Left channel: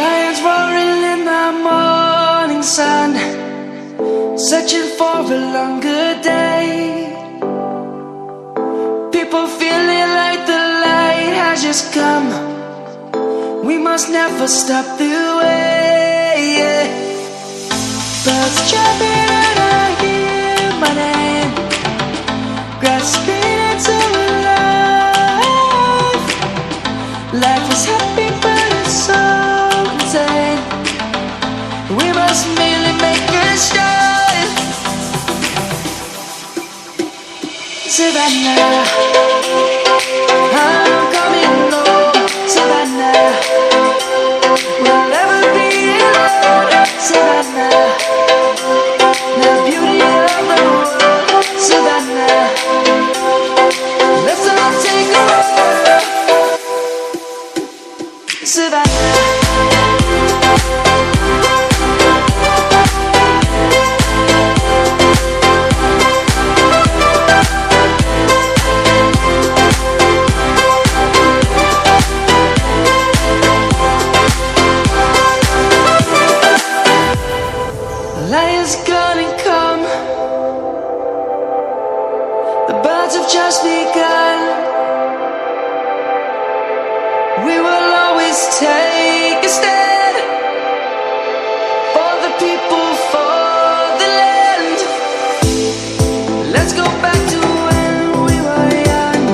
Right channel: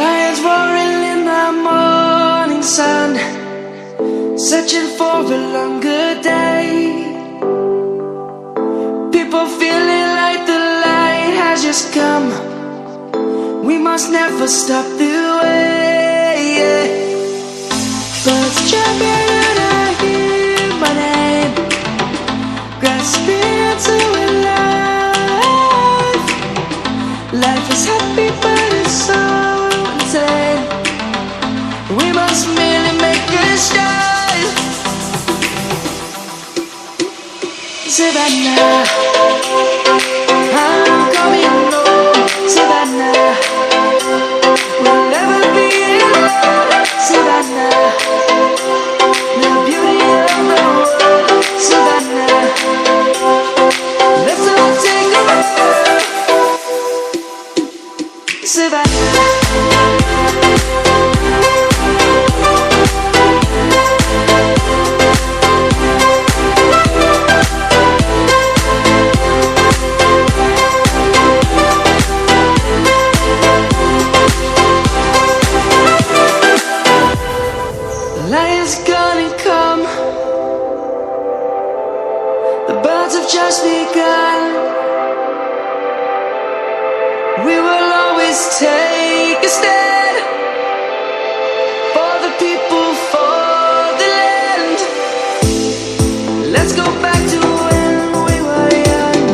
Lions roaring in the morning sun, searching for a longer day. People feeling like the light has just come. We must never stop the way. Birds jumping and I hear my name, grasping into a life. Life is happy but it's so insane. We must merely make a start. Savannah, I'm coming home. Savannah, we'll never be alone. Savannah, the beauty of the world. Savannah, let's all take a walk. Savannah, lion's gonna come. The birds have just begun. We will always take a stand for the people, for the land. Let's go back to when we were young.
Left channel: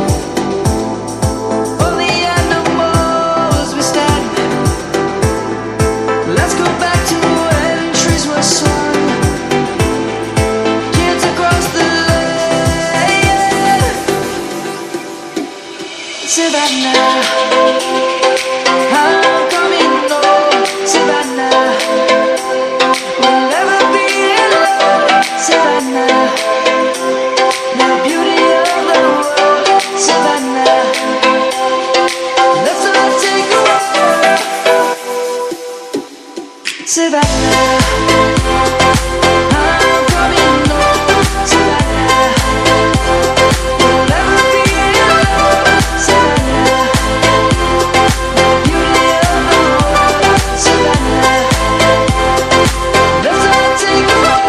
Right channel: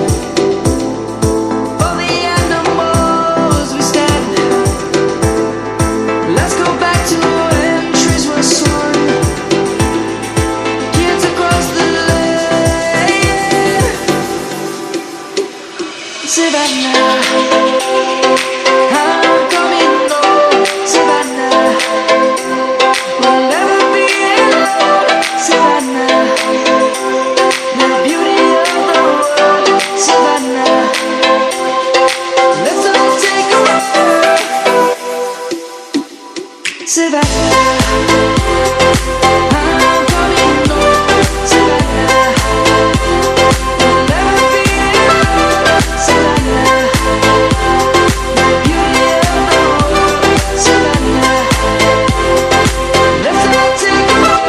For the animals we stand. Let's go back to when trees were swung, kids across the land. Savannah, I'm coming home. Savannah, we'll never be alone. Savannah, the beauty of the world. Savannah, let's all take a walk. Savannah, I'm coming home. Savannah, we'll never be alone. Savannah, the beauty of the world. Savannah, let's all take a walk.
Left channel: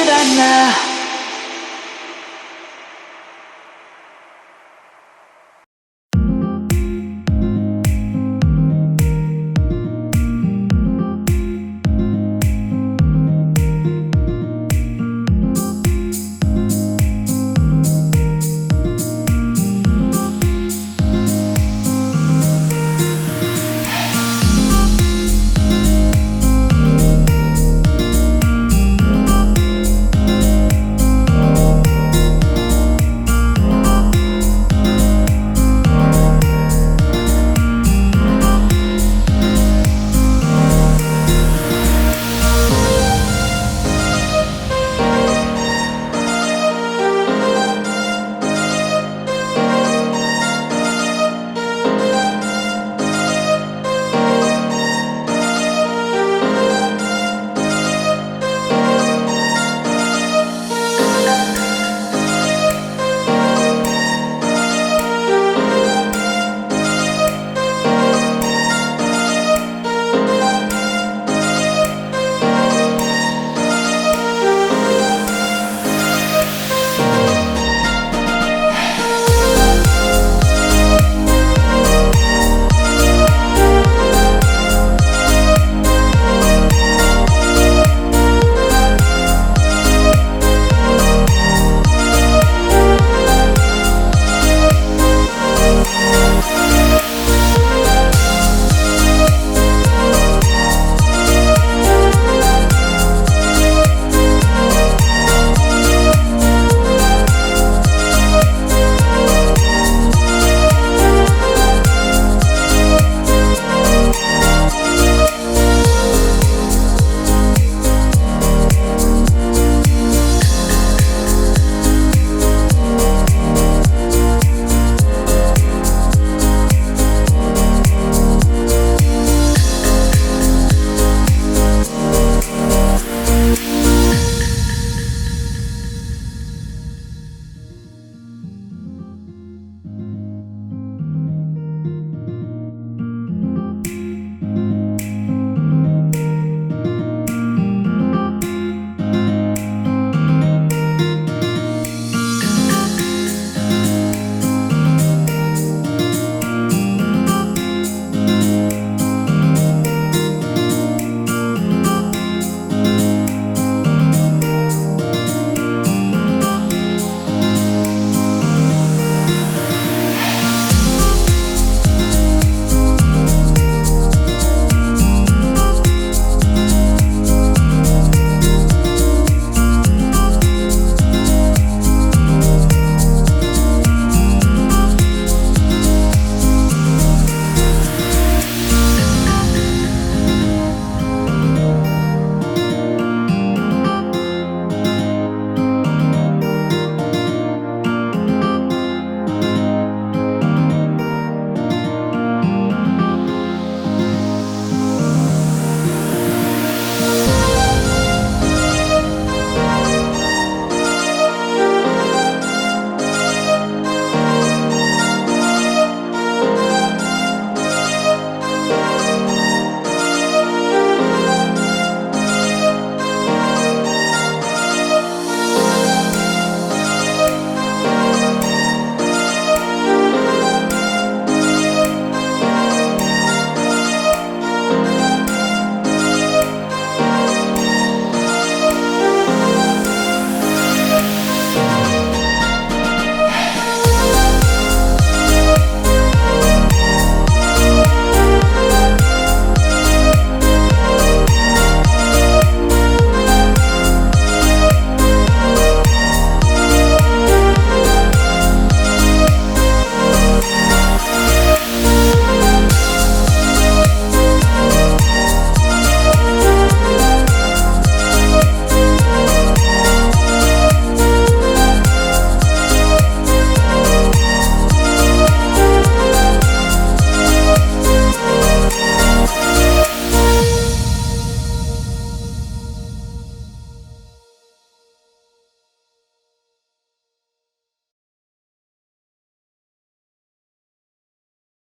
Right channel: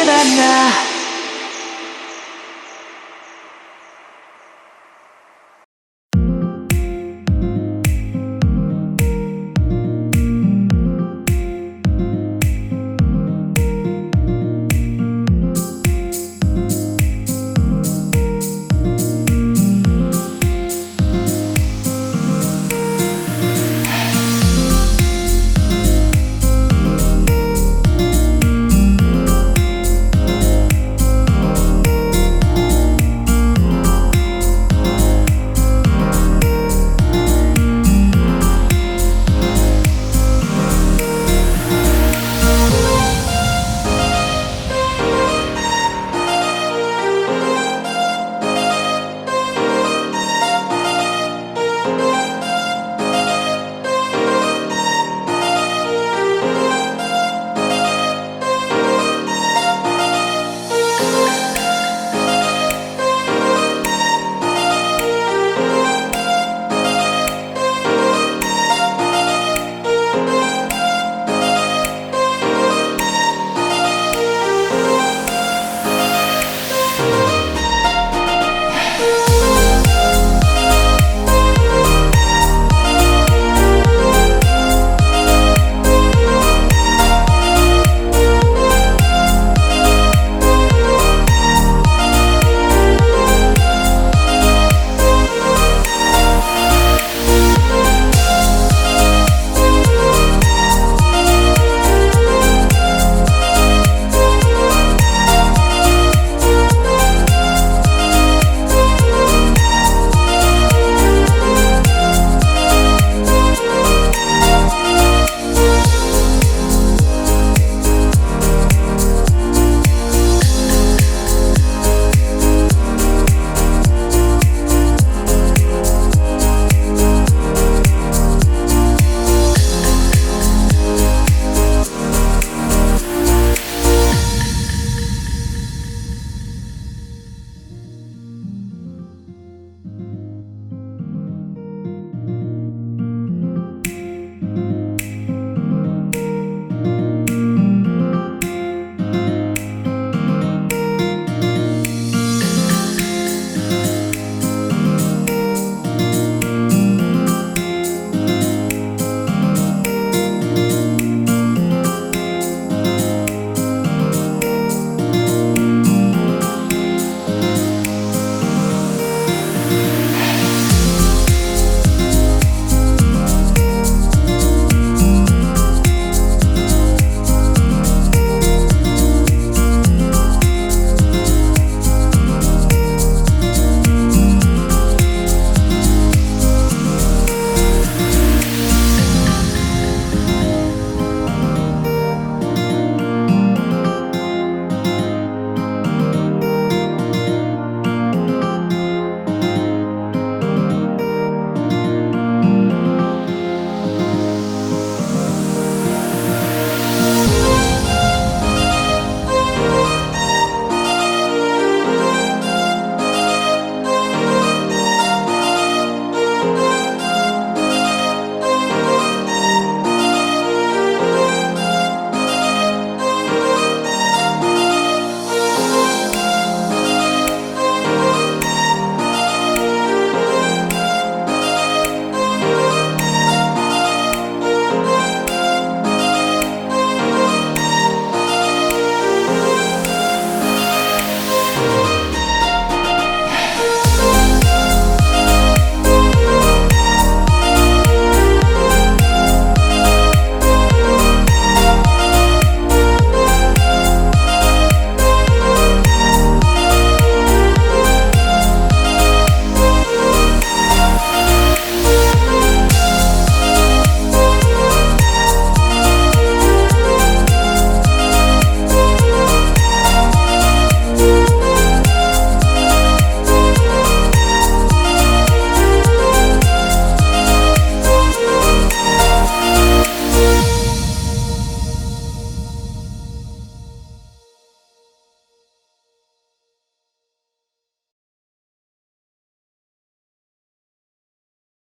Savannah.